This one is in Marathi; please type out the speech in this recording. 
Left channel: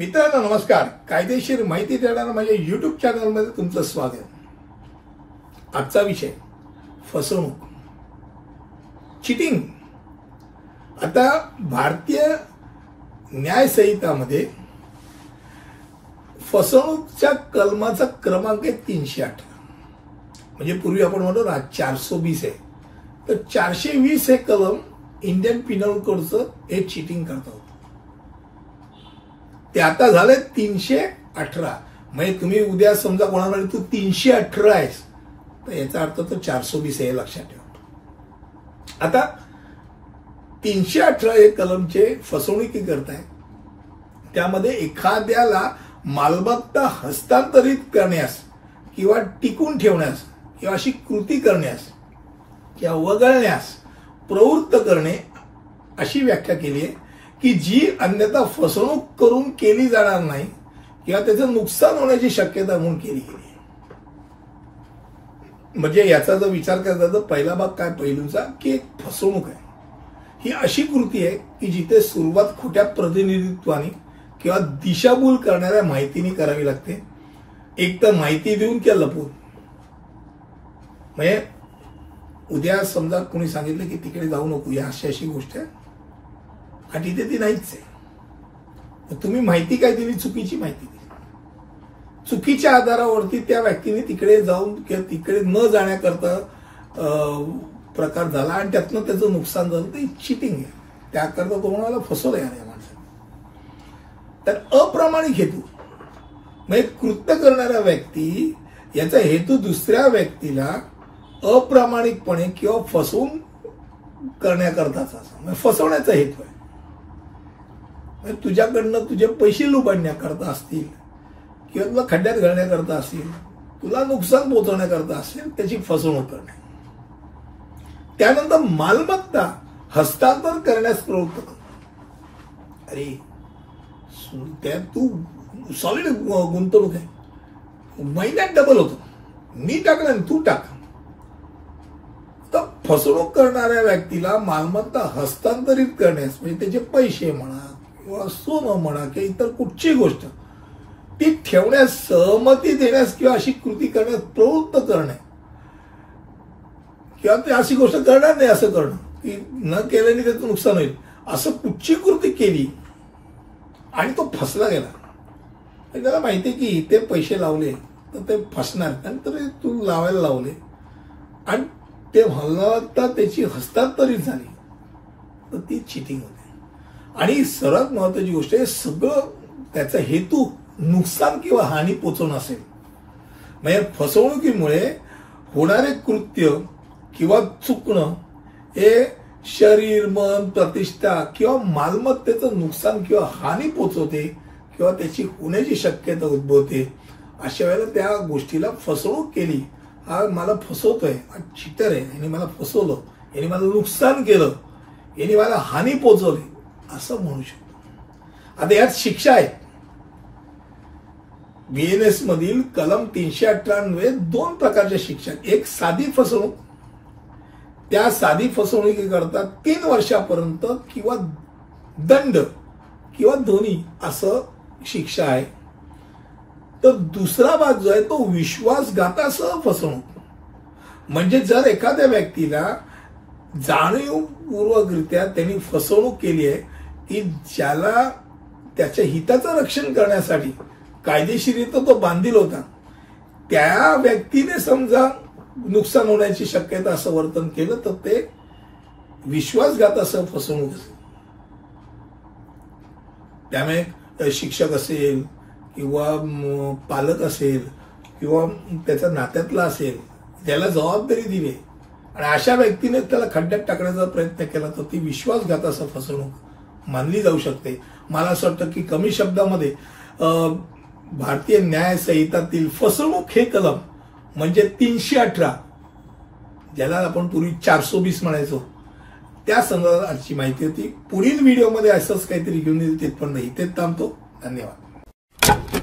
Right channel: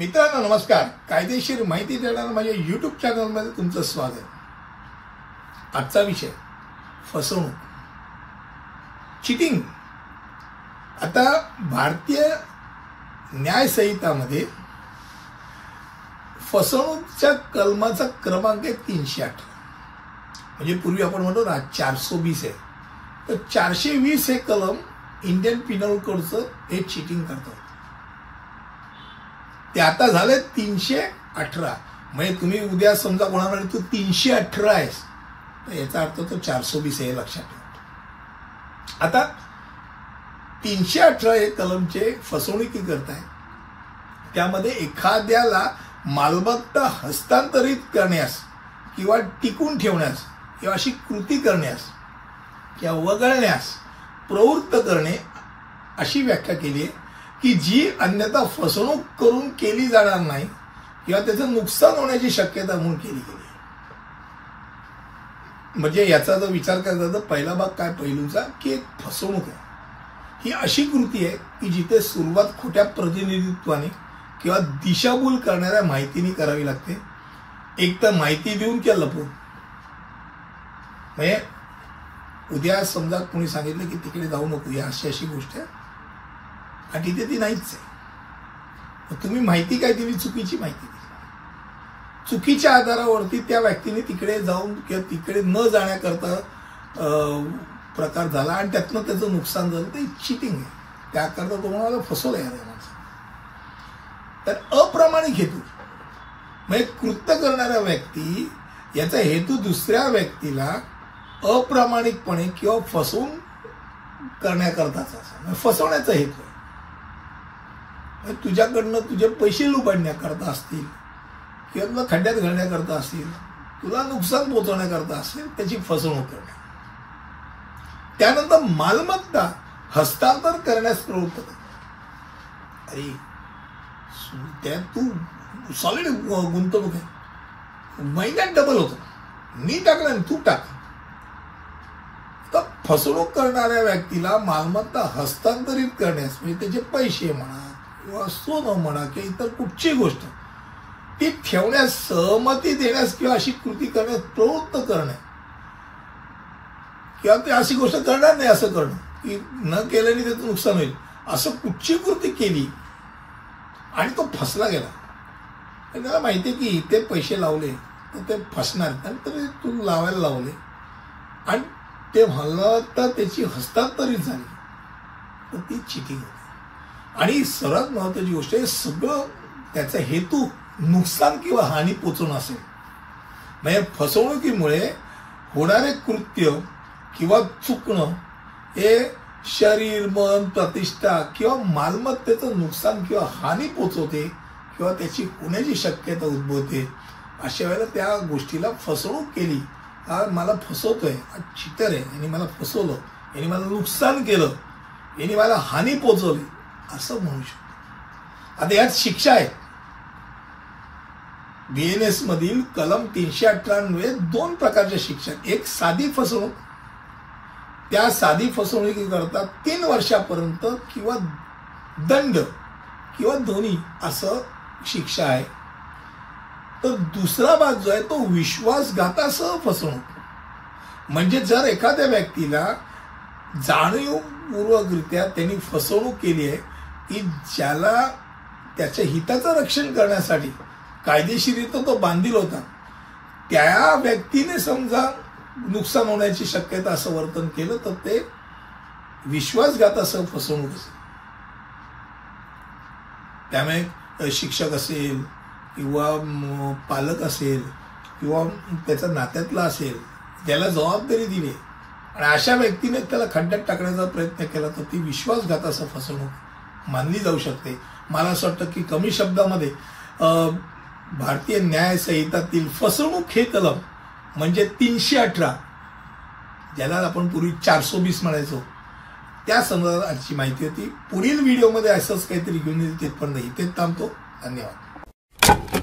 मित्रांनो नमस्कार. कायदेशीर माहिती देणाऱ्या माझ्या YouTube चॅनलमध्ये तुमचं स्वागत. आजचा विषय फसवणूक, चीटिंग. आता भारतीय न्याय संहितामध्ये फसवणूकच्या कलमाचा क्रमांक आहे 308. म्हणजे पूर्वी आपण म्हणतो ना 420 आहे, तर 420 हे कलम इंडियन पिनल कोडचं हे चीटिंग करतात. ते आता झाले 318. म्हणजे तुम्ही उद्या समजा कोणाला तू 318 आहेस तर याचा अर्थ तो 420 आहे, लक्षात ठेवा. आता 318 हे कलमचे फसवणुकी करताय. त्यामध्ये एखाद्याला मालमत्ता हस्तांतरित करण्यास किंवा टिकून ठेवण्यास किंवा अशी कृती करण्यास किंवा वगळण्यास प्रवृत्त करणे अशी व्याख्या केली आहे की जी अन्यथा फसवणूक करून केली जाणार नाही किंवा त्याचं नुकसान होण्याची शक्यता म्हणून केली गेली. म्हणजे याचा जर विचार केला तर पहिला भाग काय पैलूचा की एक फसवणूक आहे. ही अशी कृती आहे की जिथे सुरुवात खोट्या प्रतिनिधित्वाने किंवा दिशाभूल करणाऱ्या माहितीने करावी लागते. एक तर माहिती देऊन किंवा लपवून. म्हणजे उद्या समजा कोणी सांगितलं की तिकडे जाऊ नको, या अशी गोष्ट आहे आणि तिथे ती नाहीच आहे. तुम्ही माहिती काय दिली? चुकीची माहिती दिली. चुकीच्या आधारावरती त्या व्यक्तीने तिकडे जाऊन किंवा तिकडे न जाण्याकरता प्रकार झाला आणि त्यातनं त्याचं नुकसान झालं. ते चिटिंग आहे. त्याकरता तुम्हाला फसवलं या माणसाने. तर अप्रामाणिक हेतू म्हणजे कृत्य करणारा व्यक्ती याचा हेतू दुसऱ्या व्यक्तीला अप्रामाणिकपणे किंवा फसवून करण्याकरताच असं फसवण्याचा हेतू आहे. तुझ्याकडनं तुझे पैसे लुबाडण्याकरता असतील किंवा तुला खड्ड्यात घालण्याकरता असतील, तुला नुकसान पोहोचवण्याकरता असतील, त्याची फसवणूक करणे. त्यानंतर मालमत्ता हस्तांतर करण्यास प्रवृत्त कर. अरे त्यात तू सॉलिड गुंतवणूक आहे, महिन्यात डबल होतो, मी टाकलं तू टाक. तर फसवणूक करणाऱ्या व्यक्तीला मालमत्ता हस्तांतरित करण्यास म्हणजे त्याचे पैसे म्हणा किंवा सोनं म्हणा किंवा इतर कुठची गोष्ट ती ठेवण्यास सहमती देण्यास किंवा अशी कृती करण्यास प्रवृत्त करणे किंवा ते अशी गोष्ट करणार नाही असं करणं की न केल्याने त्याचं नुकसान होईल असं कुठची कृती केली आणि तो फसला गेला. त्याला माहिती की इथे पैसे लावले तर ते फसणार, त्यानंतर तू लावायला लावले आणि ते मालमत्ता त्याची हस्तांतरित झाली तर ती चिटिंग होती. आणि सर्वात महत्वाची गोष्ट आहे, सगळं त्याचा हेतू नुकसान किंवा हानी पोचवणं असेल. म्हणजे फसवणुकीमुळे होणारे कृत्य किंवा चुकणं हे शरीर, मन, प्रतिष्ठा किंवा मालमत्तेचं नुकसान किंवा हानी पोचवते किंवा त्याची होण्याची शक्यता उद्भवते. अशा वेळेला त्या गोष्टीला फसवणूक केली, हा मला फसवतोय, हा चिटर आहे, यांनी मला फसवलं, यांनी मला नुकसान केलं, यांनी मला हानी पोचवली असं म्हणू शकतो. आता यात शिक्षा आहे. BNS मधील कलम 318 दोन प्रकारच्या शिक्षा. एक साधी फसवणूक, त्या साधी फसवणुकीकरता 3 वर्षापर्यंत किंवा दंड किंवा दोन्ही असं शिक्षा आहे. तर दुसरा भाग जो आहे तो विश्वासघातासह फसवणूक. म्हणजे जर एखाद्या व्यक्तीला जाणीवपूर्वकरित्या त्यांनी फसवणूक केली आहे की ज्याला त्याच्या हिताचं रक्षण करण्यासाठी कायदेशीररित्या तो बांधील होता, त्या व्यक्तीने समजा नुकसान होण्याची शक्यता असं वर्तन केलं तर ते विश्वासघातासह फसवणूक असेल. त्यामुळे शिक्षक असेल किंवा पालक असेल किंवा त्याचा नात्यातला असेल, त्याला जबाबदारी दिली आणि अशा व्यक्तीने त्याला खड्ड्यात टाकण्याचा प्रयत्न केला तर ती विश्वासघातासह फसवणूक मानली जाऊ शकते. मला असं वाटतं की कमी शब्दामध्ये भारतीय न्याय संहितातील फसवणूक हे कलम म्हणजे 318, ज्याला आपण पूर्वी 420 म्हणायचो, त्या संदर्भात आजची माहिती होती. पुढील व्हिडिओमध्ये असंच काहीतरी घेऊन येईल. ते पण नाही, इथेच थांबतो. धन्यवाद.